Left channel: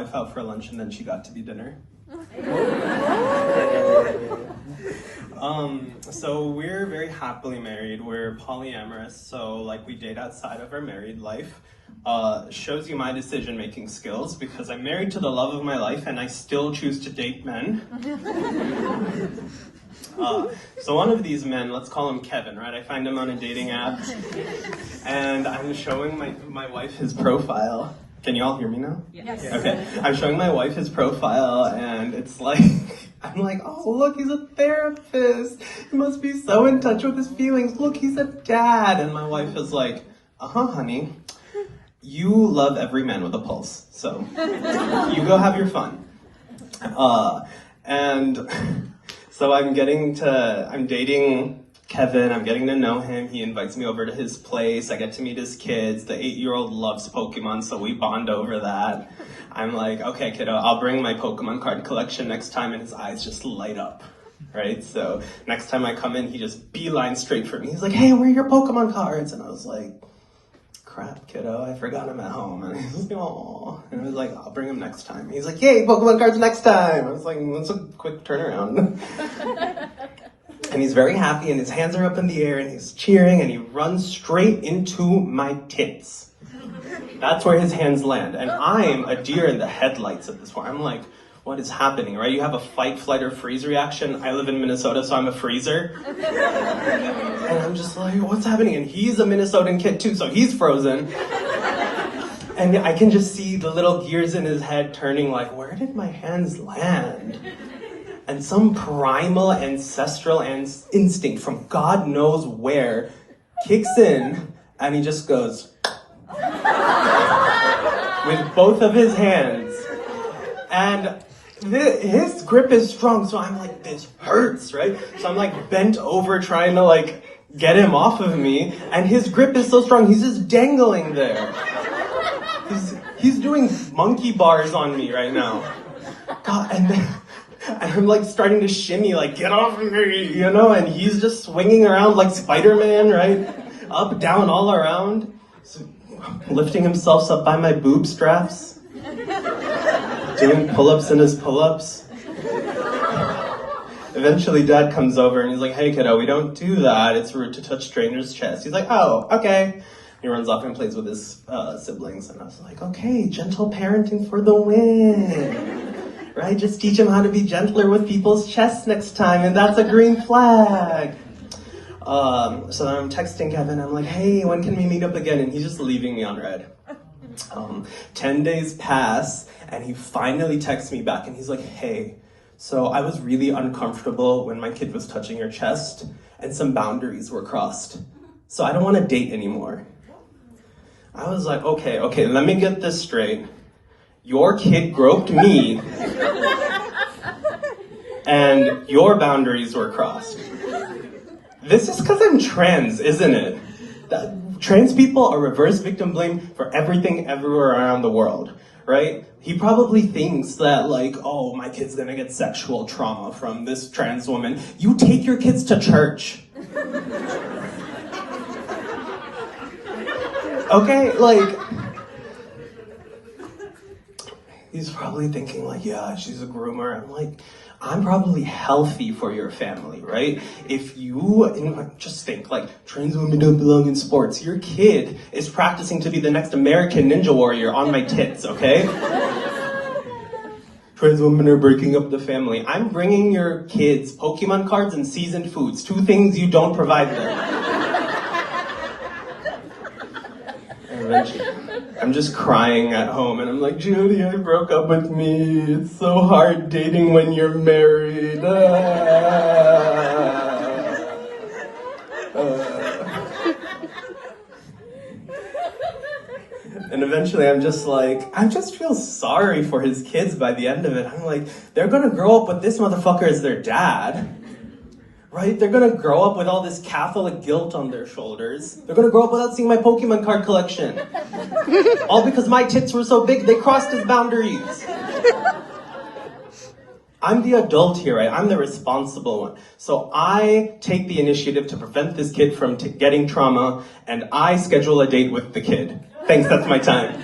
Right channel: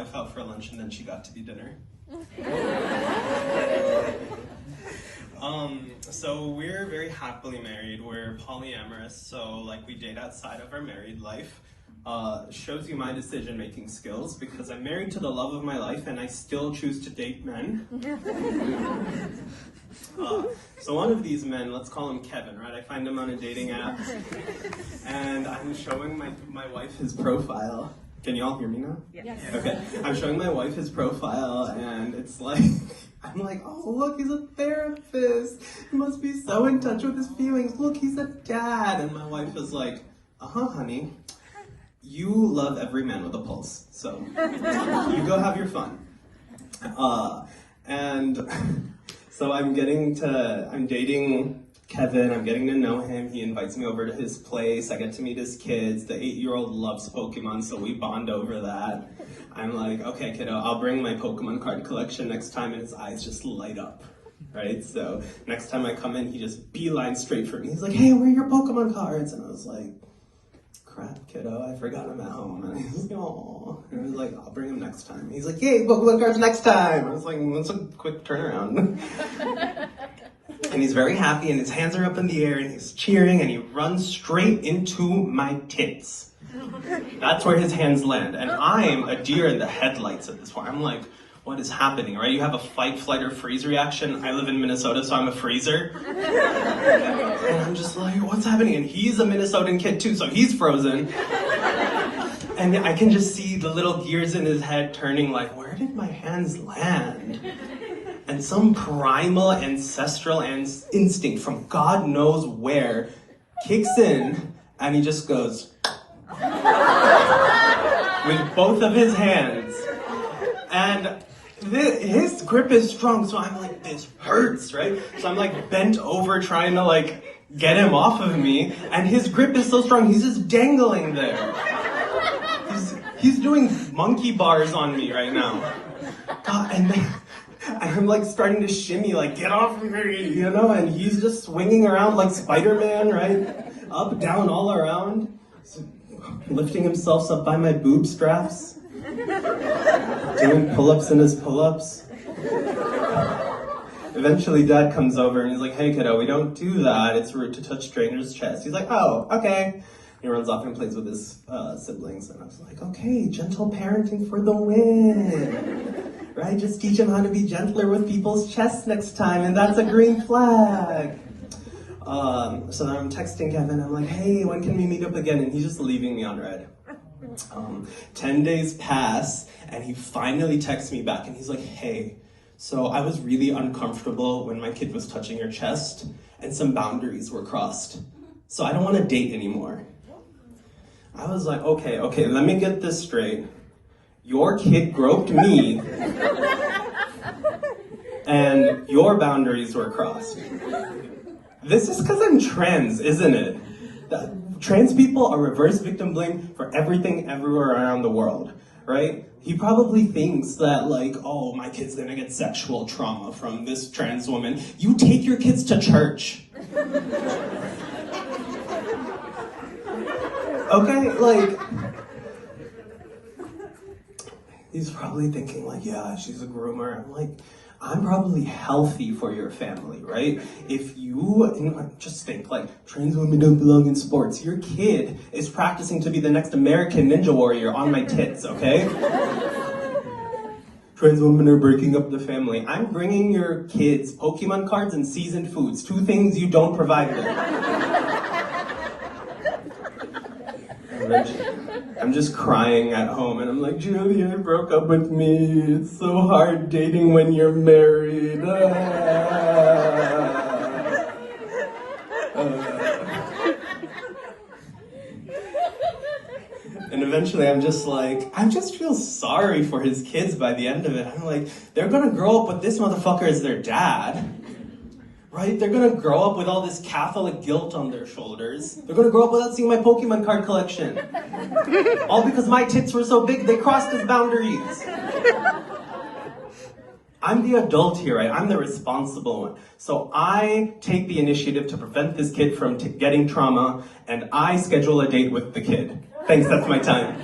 wife out for lunch and then she got to be dinner. So we're very happily married. We're polyamorous, so like we date outside of our married life. Shows you my decision-making skills because I'm married to the love of my life and I still choose to date men. So one of these men, let's call him Kevin, right? I find him on a dating app and I'm showing my wife his profile. Can you all hear me now? Yes. Okay, I'm showing my wife his profile and it's like, I'm like, oh look, he's a therapist. He must be so in touch with his feelings. Look, he's a dad. And my wife is like, honey, you love every man with a pulse. So you go have your fun. And so I'm dating Kevin, I'm getting to know him. He invites me over to his place. I get to meet his kids. The 8-year-old loves Pokemon, so we bond over that. I'm like, okay, kiddo, I'll bring my Pokemon card collection next time, and his eyes just light up, right? So next time I come in, he just beelines straight for me. He's like, hey, where are your Pokemon cards? And I was like, crap, kiddo, I forgot them at home. And he was like, aw. And I was like, I'll bring them next time. He's like, yay, Pokemon cards next time. I was like, that's a quick turnaround. And he's very happy, and his hands are up in the air, and he's cheering, and he runs straight into my tits. That's where his hands land. And I'm a deer in the headlights at this point. I'm like, what is happening, right? You have a fight, flight, or freeze reaction. I live in Minnesota, so I'm a freezer. And I'm just like, what's happening? And he's a Minnesotan kid too, so he's frozen. And I can just see the little gears in his head turning like, where did my hands land? And some primal ancestral instinct from God knows where kicks in, and he just goes with both of his hands. And his grip is strong, so I'm like, this hurts, right? So I'm like bent over trying to like get him off of me, and his grip is so strong, he's just dangling there. He's doing monkey bars on me right now. God, and I'm like starting to shimmy, like, get off of me, you know? And he's just swinging around like Spider-Man, right? Up, down, all around. So, lifting himself up by my boob straps. Doing pull-ups in his pull-ups. Eventually Dad comes over and he's like, hey kiddo, we don't do that. It's rude to touch strangers' chests. He's like, oh, okay. He runs off and plays with his siblings. And I was like, okay, gentle parenting for the win. Right? Just teach him how to be gentler with people's chests next time, and that's a green flag. So then I'm texting Kevin, I'm like, hey, when can we meet up again? And he's just leaving me on red. 10 days pass, and he finally texts me back, and he's like, hey, so I was really uncomfortable when my kid was touching your chest, and some boundaries were crossed. So I don't want to date anymore. I was like, okay, let me get this straight. Your kid groped me, and your boundaries were crossed. This is because I'm trans, isn't it? Trans people are reverse victim blamed for everything everywhere around the world, right? He probably thinks that like, oh, my kid's gonna get sexual trauma from this trans woman. You take your kids to church. Okay, like, he's probably thinking like, yeah, she's a groomer. I'm like, I'm probably healthy for your family, right? If you, just think like, trans women don't belong in sports. Your kid is practicing to be the next American Ninja Warrior on my tits, okay? Trans women are breaking up the family. I'm bringing your kids Pokemon cards and seasoned foods, 2 things you don't provide them. I'm just crying at home, and I'm like, Julie, I broke up with me. It's so hard dating when you're married. And eventually I'm just like, I just feel sorry for his kids by the end of it. I'm like, they're gonna grow up with this motherfucker as their dad. Right? They're gonna grow up with all this Catholic guilt on their shoulders. They're gonna grow up without seeing my Pokemon card collection. All because my tits were so big, they crossed his boundaries. I'm the adult here, right? I'm the responsible one. So I take the initiative to prevent this kid from getting trauma, and I schedule a date with the kid. Thanks, that's my time.